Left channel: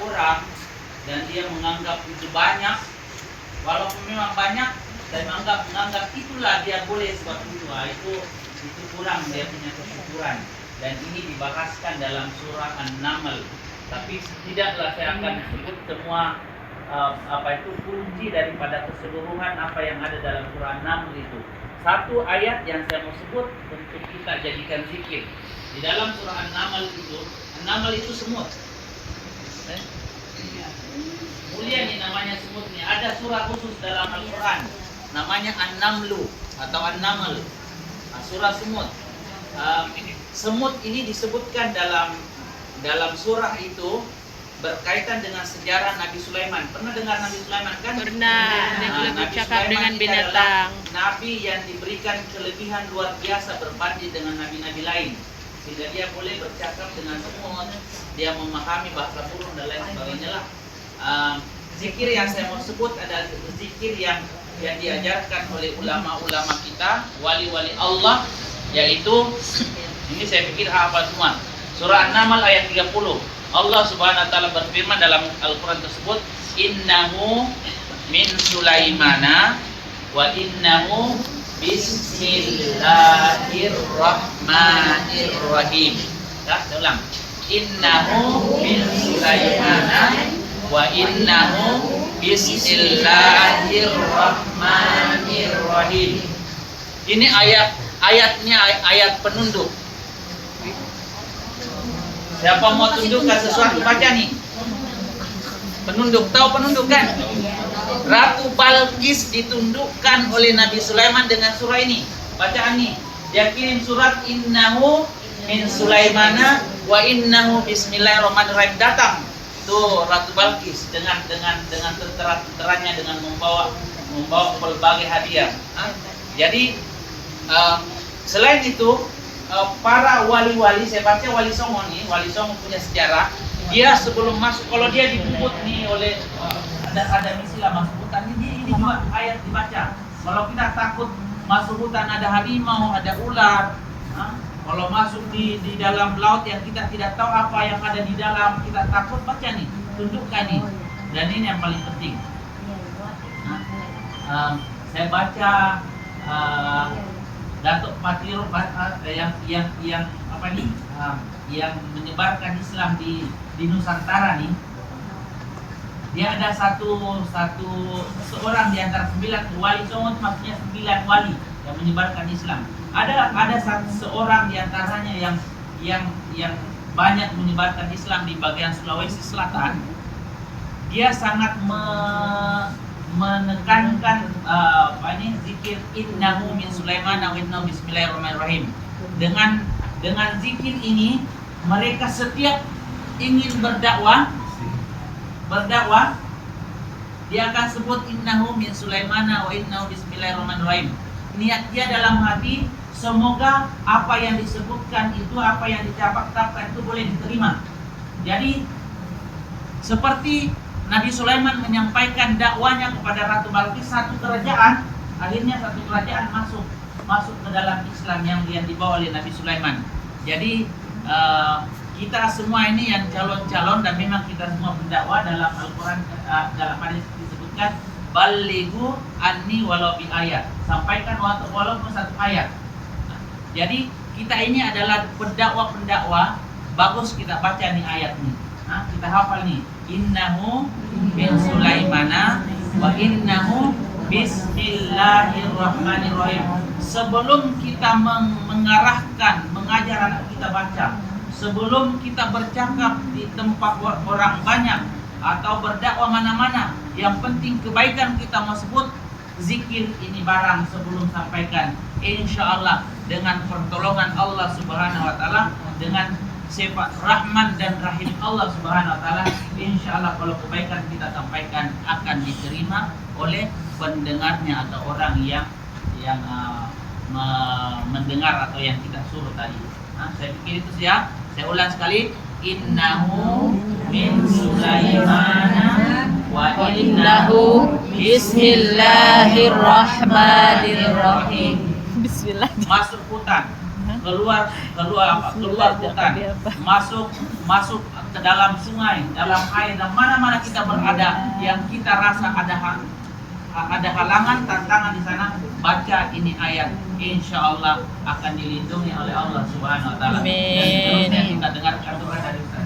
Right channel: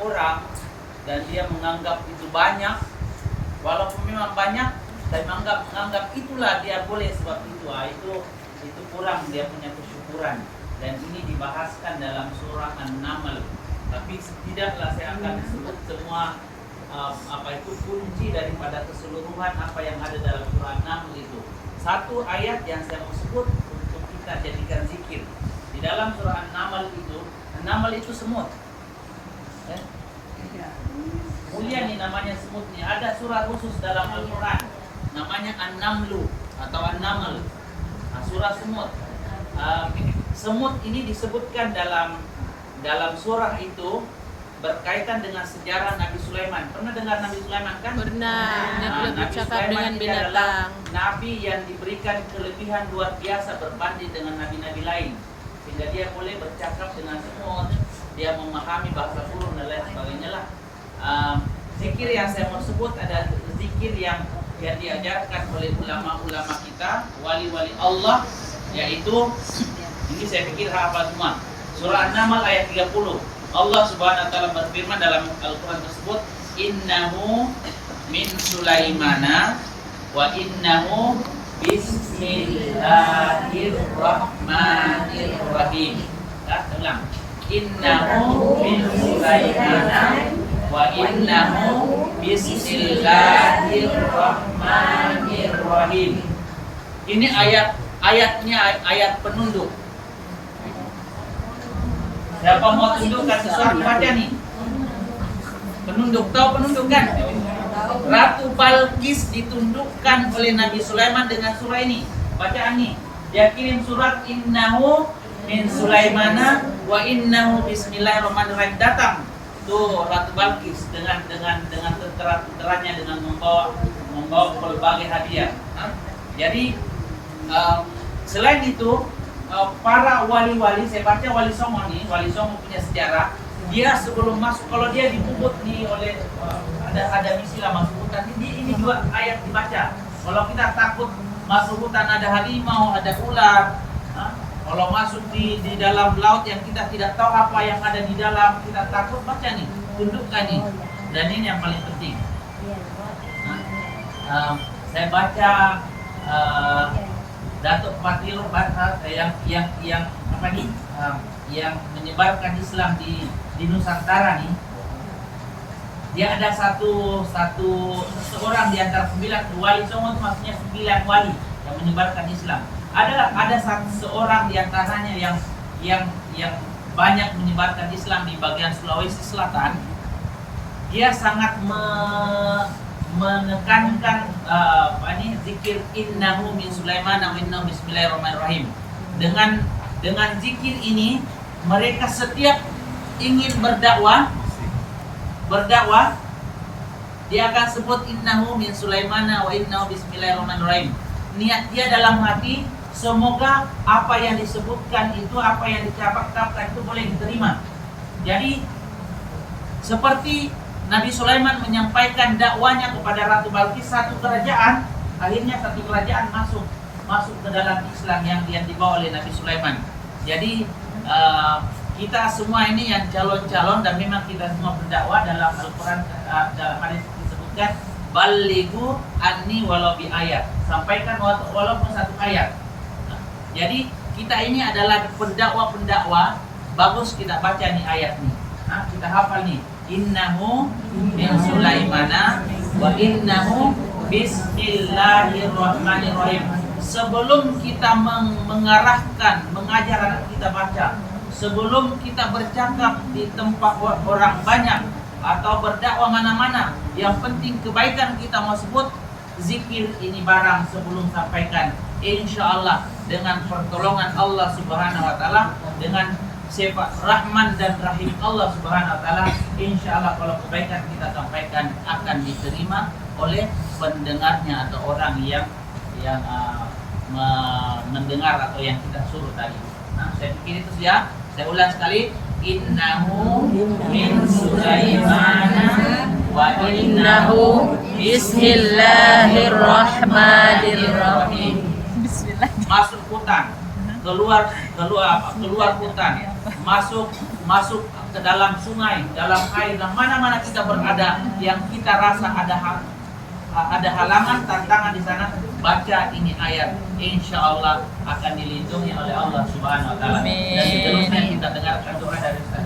orang dan dia menganggap itu banyak, walaupun memang banyak, dan menganggap itulah dia boleh sebab itu kurang dia punya kesyukuran. Dan ini dibahaskan dalam surah An-Naml. Tapi setidaknya saya akan sebut semua kunci daripada keseluruhan apa yang ada dalam surah An-Naml itu. Satu ayat yang saya mau sebut untuk kita jadikan zikir. Di dalam surah An-Naml itu semut. Mulia nih namanya semut nih. Ada surah khusus dalam Al-Quran namanya An-Namlu atau An-Naml. Surah semut. Semut ini disebutkan dalam surah itu berkaitan dengan sejarah Nabi Sulaiman. Pernah dengar Nabi Sulaiman kan? Pernah. Dia boleh bercakap dengan binatang. Nabi yang diberikan kelebihan luar biasa berbanding dengan nabi-nabi lain, sehingga dia boleh bercakap dengan semut, dia memahami bahasa burung dan lain sebagainya lah. Zikir yang saya mau sebut adalah zikir yang diajarkan oleh ulama-ulama kita, wali-wali Allah, yaitu ini saya pikir hafal semua. Surah An-Naml ayat 30. Allah Subhanahu wa taala berfirman dalam Al-Qur'an tersebut, "Innahu min Sulaimana wa innahu bismillahirrahmanirrahim." Saya ulang. Innahu min Sulaimana wa innahu bismillahirrahmanirrahim. Ini ayatnya ayat penunduk. Siapa mau tundukkan sesuatu baca nih. Penunduk, tahu penunduk kan? Ratu Balqis ditundukkan oleh Nabi Sulaiman dengan surah ini. Bacaan nih. Dia kirim surat innahu min Sulaimana wa innahu bismillahirrahmanirrahim, datang tuh Ratu Balqis dengan tenteranya dengan membawa berbagai hadiah. Jadi selain itu para wali-wali, saya baca Wali Songo nih, Wali Songo punya sejarah. Dia sebelum masuk, kalau dia dibubut nih oleh ada istilah masuk hutan, ini juga ayat dibaca. Kalau kita takut masuk hutan ada harimau, ada ular, kalau masuk di dalam laut yang kita tidak tahu apa yang ada di dalam, kita takut, baca nih, tundukkan nih. Dan ini yang paling penting. Saya baca Datuk Patiro yang apa nih, yang menyebarkan Islam di Nusantara nih. Dia ada seorang di antara 9 wali Songo, itu maksudnya 9 wali yang menyebarkan Islam. Ada seorang di antaranya yang banyak menyebarkan Islam di bagian Sulawesi Selatan. Dia sangat menekankan zikir innahu min Sulaiman wa innahu bismillahirrahmanirrahim. Dengan zikir ini mereka setiap ingin berdakwah dia akan sebut innahu min Sulaiman wa innahu bismillahirrahmanirrahim. Niat dia dalam hati, semoga apa yang disebutkan itu, apa yang dicakapkan itu boleh diterima. Jadi seperti Nabi Sulaiman menyampaikan dakwanya kepada Ratu Balqis, satu kerajaan masuk ke dalam Islam yang dibawa oleh Nabi Sulaiman. Jadi kita semua ini yang calon-calon, dan memang kita semua berdakwah dalam Al-Quran, dalam hadis disebutkan balighu anni walau bi ayat, sampaikan walaupun satu ayat. Jadi kita ini adalah pendakwa, bagus kita baca nih ayat nih. Kita hafal nih. Innahu min Sulaimana wa innahu bismillahirrahmanirrahim. Sebelum kita mengarahkan, mengajar anak kita baca, sebelum kita bercakap di tempat orang banyak atau berdakwah mana-mana, yang penting kebaikan kita mau sebut, zikir ini barang sebelum sampaikan. Insya Allah dengan pertolongan Allah Subhanahu wa taala, dengan sifat Rahman dan Rahim Allah Subhanahu wa taala, insya Allah kalau kebaikan kita sampaikan akan diterima oleh pendengarnya atau orang yang mendengar atau yang kita suruh tadi. Saya pikir itu ya. Saya ulang sekali. Innahu min Sulaimana wa innahu bismillahirrahmanirrahim. Bismillah. Masuk hutan. Keluar hutan, masuk masuk ke dalam sungai, dalam air, dan mana-mana kita berada yang kita rasa ada halangan, tantangan di sana, baca ini ayat, insya Allah akan dilindungi oleh Allah Subhanahu Wa Taala. Dan seterusnya kita dengarkan doa dari Ustaz.